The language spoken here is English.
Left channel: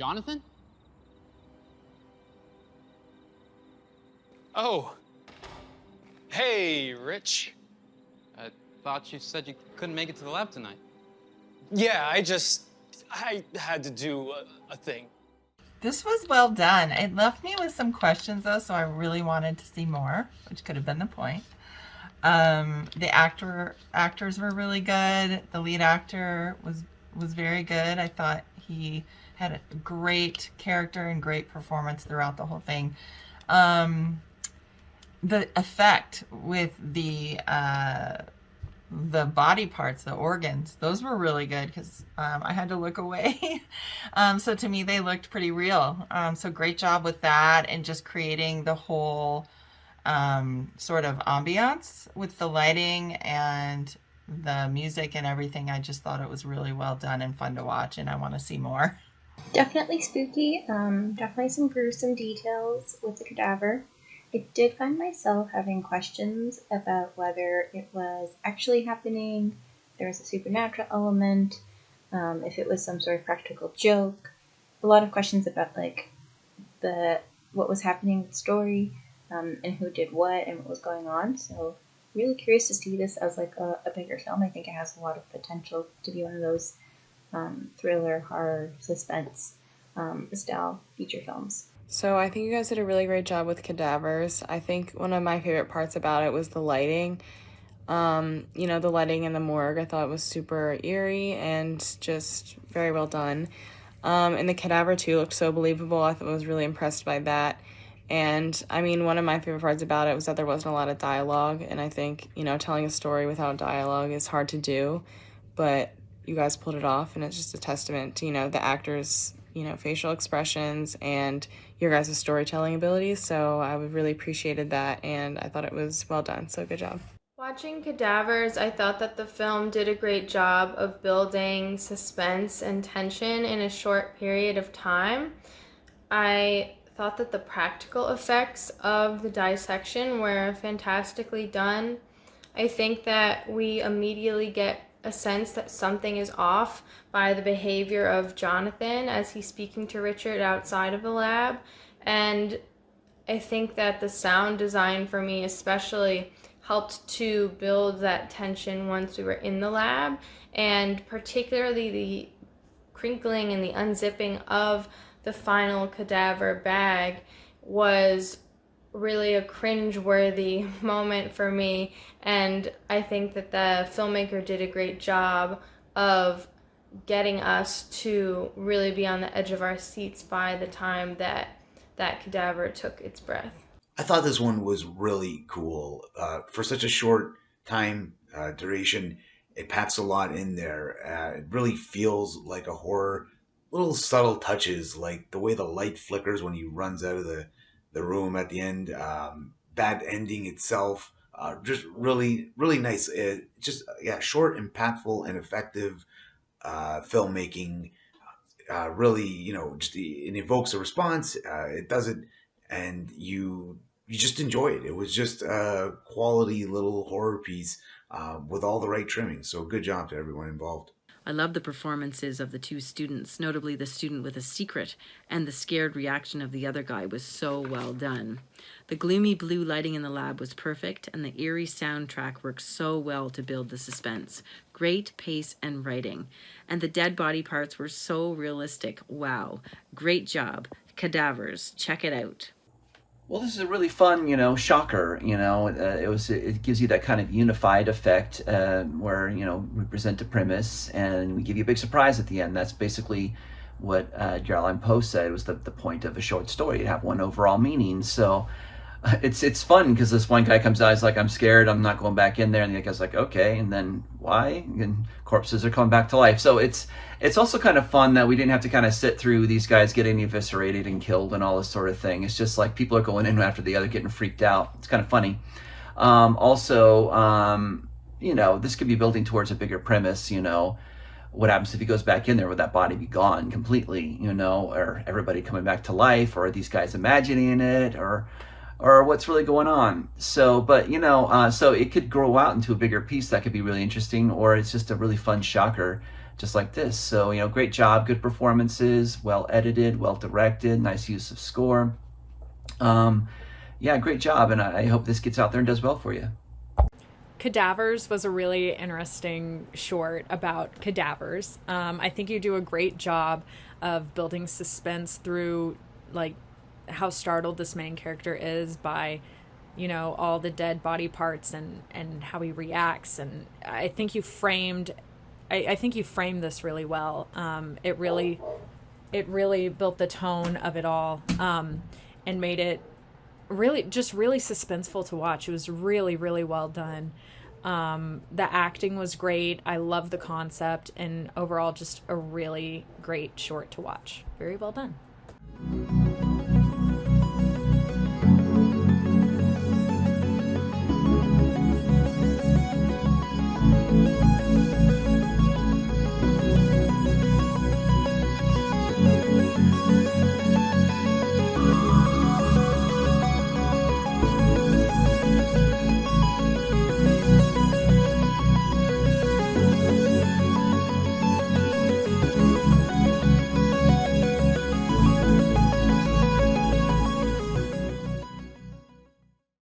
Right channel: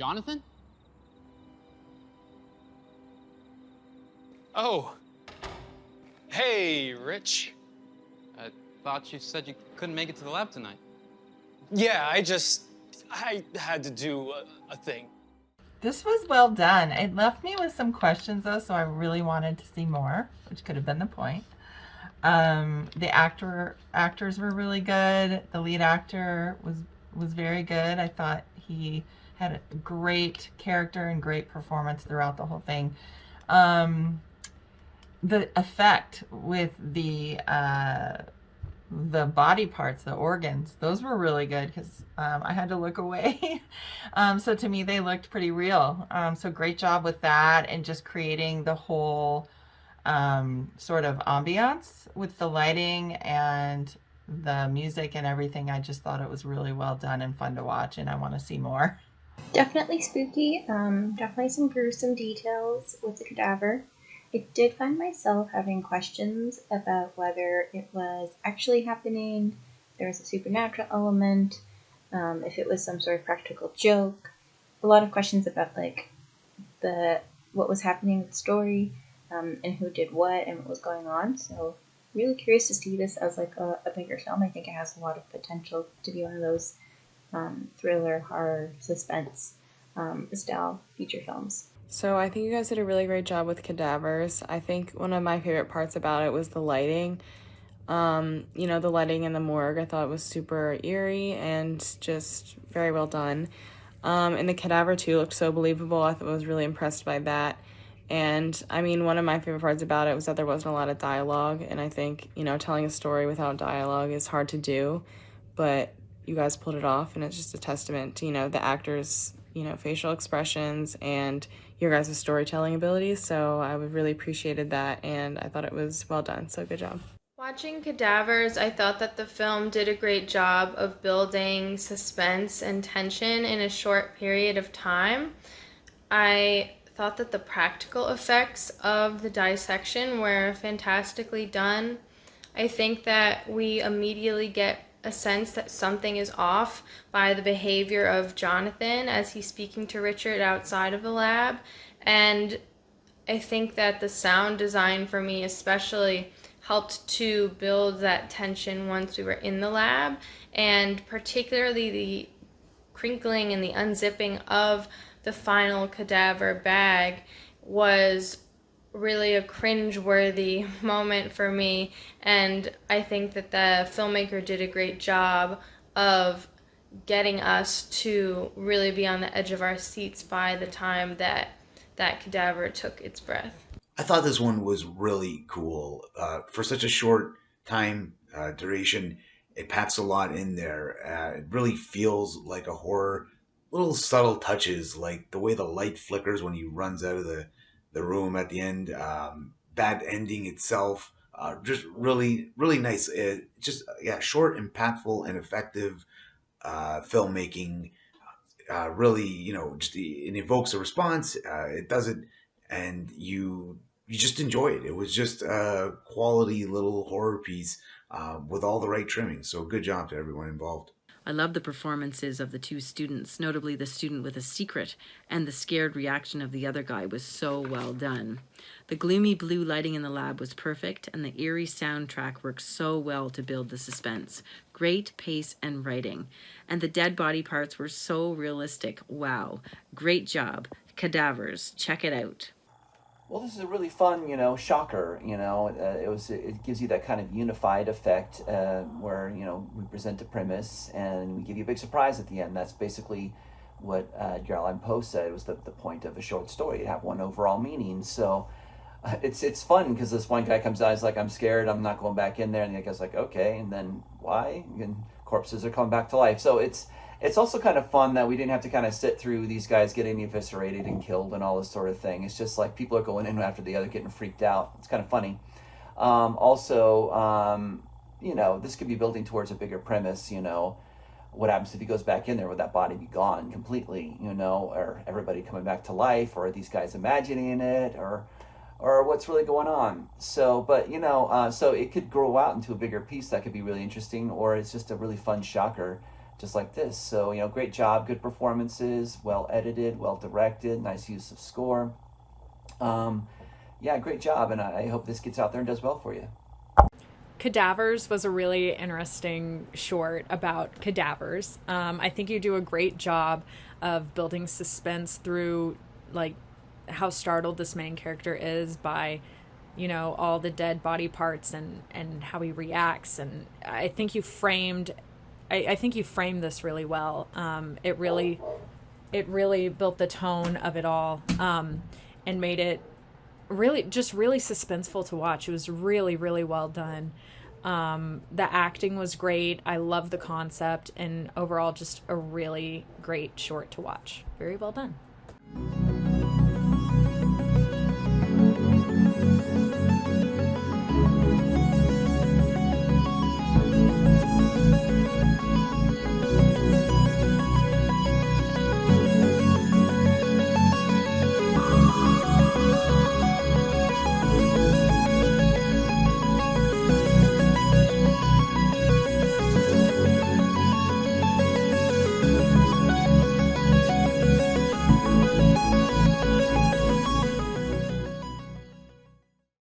Jonathan? Oh. Hey, Rich. I thought you said you couldn't make it to the lab tonight. Yeah, I had to do a thing. This was well done. It left me with some questions though, so I really wanted to see more, which could have been the point. The actors were really good. The lead actor was very good. I thought he had a great character and great performance throughout the whole thing. The effect with the body parts, the organs, those were really good because I had to look away. So to me, they looked pretty real. So great job with that and just creating the whole sort of ambiance with the lighting and the music and everything. I just thought it was really well done and fun to watch, and I want to see more. Definitely spooky. Definitely some gruesome details with the cadaver. I did find myself having questions about whether it was actually happening, if there was a supernatural element, if it was some sort of practical joke. A lot of questions about like what was happening with the story, and who did what and what was going on. So really curious to see this as like a bigger film. I think it has a lot of potential to be one of those thriller, horror, suspense style feature films. So I think you guys did a really great job with Cadavers. I think one of my favorite parts about it was the lighting. The lighting in the morgue, I thought was super eerie and just very well done. And the cadaver too looked so believable. I was really impressed by that. And I mean, one of my favorite parts about it was that there wasn't a lot of dialogue. And I think, telling a story without dialogue is hard to do, but you guys pulled it off. And it's just a testament to, the actors, facial expressions and your guys' storytelling abilities. So I really appreciated that. And I thought it was well done. So good job. Watching Cadavers, I thought that the film did a great job of building suspense and tension in a short period of time. I thought that the practical effects of the dissection were fantastically done. I think that we immediately get a sense that something is off by the behavior of Jonathan as he's speaking to Richard outside of the lab. And I think that the sound design for me especially helped to build that tension once we were in the lab, and particularly the crinkling and the unzipping of the final cadaver bag was really a cringe-worthy moment for me, and I think that the filmmaker did a great job of getting us to really be on the edge of our seats by the time that that cadaver took its breath. I thought this one was really cool. For such a short time duration, it packs a lot in there. It really feels like a horror. Little subtle touches, like the way the light flickers when he runs out of the room at the end. Bad ending itself. Just really, really nice. Short, impactful, and effective filmmaking. Really, it evokes a response. It does it, and you just enjoy it. It was just a quality little horror piece with all the right trimmings. So good job to everyone involved. I love the performances of the two students, notably the student with a secret, and the scared reaction of the other guy was so well done. The gloomy blue lighting in the lab was perfect, and the eerie soundtrack worked so well to build the suspense. Great pace and writing. And the dead body parts were so realistic. Wow. Great job. Cadavers. Check it out. Well, this is a really fun, shocker. It gives you that kind of unified effect where, we present a premise and we give you a big surprise at the end. That's basically what Caroline Poe said was the point of a short story. You'd have one overall meaning. So it's fun because this one guy comes out, he's like, I'm scared, I'm not going back in there. And the other guy's like, okay, and then why? And corpses are coming back to life. So it's also kind of fun that we didn't have to kind of sit through these guys getting eviscerated and killed and all this sort of thing. It's just like people are going in after the other getting freaked out. It's kind of funny. This could be building towards a bigger premise, what happens if he goes back in there? Would that body be gone completely, or everybody coming back to life, or are these guys imagining it, or what's really going on? So, so it could grow out into a bigger piece that could be really interesting, or it's just a really fun shocker just like this. So, great job, good performances, well edited, well directed, nice use of score. Yeah, great job, and I hope this gets out there and does well for you. Cadavers was a really interesting short about cadavers. I think you do a great job of building suspense through like how startled this main character is by, all the dead body parts and how he reacts. And I think you framed this really well. It really built the tone of it all, and made it really suspenseful to watch. It was really, really well done. The acting was great. I love the concept, and overall just a really great short to watch. Very well done.